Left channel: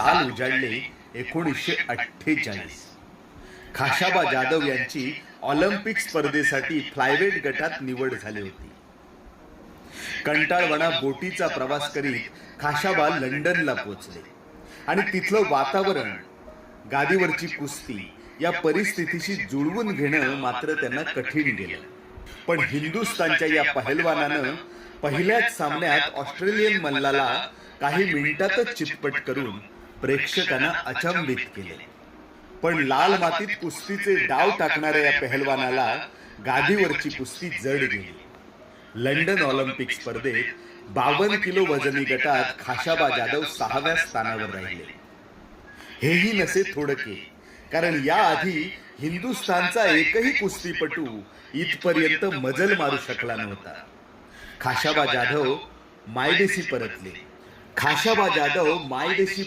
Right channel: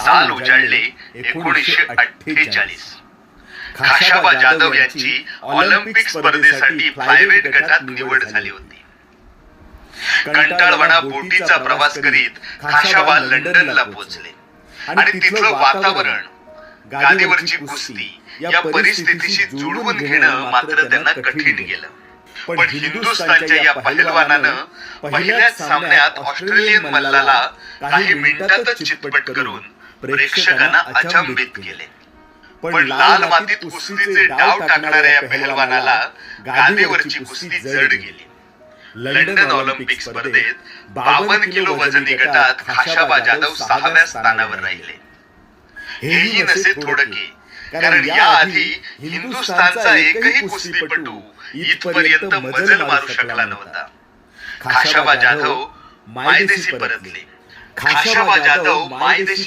साल उजाडले एकोणीसशे अठ्ठेचाळीस. खाशाबा जाधव यांची ऑलिम्पिक स्पर्धेसाठी फ्लायवेट गटात निवड झाली होती. कंटाळवाणा बोटीचा प्रवास करीत खाशाबा लंडनला पोहोचले. आणि तिथलं वातावरण गादीवरची कुस्ती या परिस्थितीशी जुळवून घेणं मात्र त्यांना कठीण गेलं. पण हिंदुस्थानच्या या पहिलवानानं पहिल्याच सामन्यात ऑस्ट्रेलियन मल्लाला काही मिनिटातच चितपट करून प्रेक्षकांना अचंबित केले. पण लाल मातीत कुस्तीचे डाव टाकणाऱ्या या पहिलवानाला गादीवरची कुस्ती जड गेली. लंडन ऑलिम्पिक स्पर्धेत बावन्न किलो वजनी गटात खाशाबा जाधव सहाव्या स्थानावर राहिले. हेही नसे थोडके कारण याआधी हिंदुस्थानचा एकही कुस्तीपटू इथपर्यंत मजल मारू शकला नव्हता. खाशाबा जाधव मायदेशी परतले. खाशाबा जाधव मायदेशी